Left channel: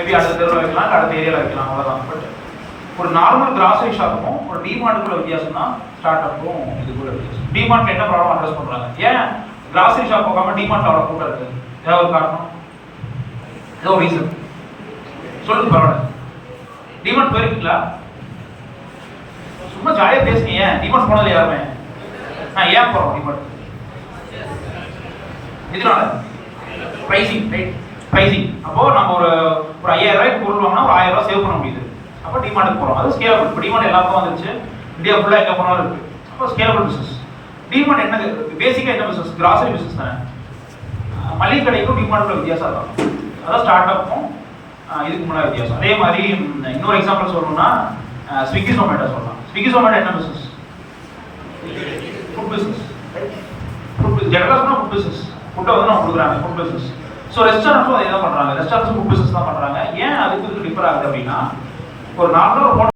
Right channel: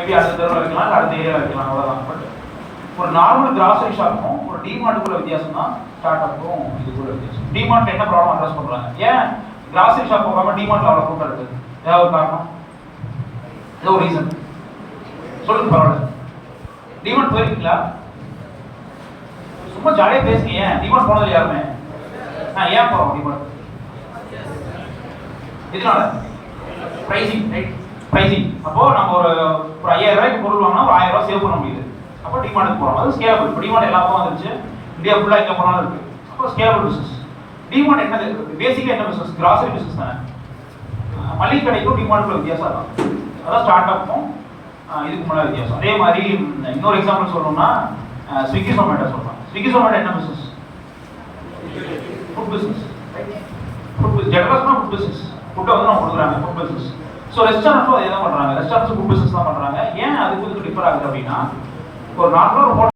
Maybe அடுத்த தெருவில் வைக்கலாம், இல்லை அடுத்த ஏரியாவில் வைக்கலாம், அவ்வளோதான். பட் ஒரு நார்மல் கிராசரி ஷாப்பும் ஒரு டிமார்ட்டுக்குள்ள வித்தியாசம் தான் ஸ்டார்ட் அப்பும் இதுக்குள்ள வித்தியாசம். டிமார்ட் என்ன ப்ராப்ளம் அட்ரஸ் பண்ணுறாங்க? ஏன் கிராசரி ஷாப் போகாமல் டிமார்ட்ல அவ்வளோ கூட்டம் இருக்குது? ஏதாவது ஒரு காரணம், ஏதோ ஒரு ரீசன் சொல்லுங்க. பரவாயில்ல, டிமார்ட் போயிருக்கீங்களா? சும்மா ஜாலியாக பேசுங்க. ஏன் டிமார்ட் போனதில்லை யாருமே? நான் ஏன் போகிறோம் டிமார்ட்? இதனால ப்ரைசிங், ரைட்? ப்ரைசிங். அப்போ நம்ம ஒரு 5000 ரூபாய்க்கு பொருள் வாங்கினா ஒரு 1000 ரூபாய் சேவ் பண்ண முடியுது. அப்போ டிமார்ட்டுக்கு போகிறோம். அது ஸ்கேலபிள். இப்போ டிமார்ட் எல்லா பக்கம் வந்துருச்சு, இந்தியா ஃபுல்லாக எங்கே போனாலும் இருக்குது. அப்போ ஸ்கேலபிள் பிஸ்னஸ். டிமார்ட் என்ன பேசிக்காக என்ன பிஸ்னஸ்? கிராசரி பிஸ்னஸ் தானே. மளிகை கடைக்கும் டிமார்ட்டுக்குள்ள வித்தியாசம் தான். அதான் ஸ்டார்ட் அப்பும் இதுக்கு முன்னாடி வித்தியாசம். அதே மாதிரி இன்னொரு எக்ஸாம்பிள் சொல்லணும்னா ஸ்விக்கி ஜொமேட்டோ சொல்லலாம். ஸ்விக்கி ஜொமேட்டோ என்ன business? Food business. Food business ஜெனரலாக சொன்னால் ஃபுட் பிஸ்னஸ். ஃபுட்டை வந்து நம்ம கொடுக்குறாங்க, ஃபுட் பிஸ்னஸ். ஸோ ரெஸ்டாரண்ட்ஸும் அதே தான் பண்ணுறாங்க. ரெஸ்டாரண்ட்ஸும் ஃபுட் பிஸ்னஸ் தான் பண்ணுறாங்க. ஏன் அதுக்கு டிஃபர் ஆகுது அப்படின்னா, ஒரு நார்மலாக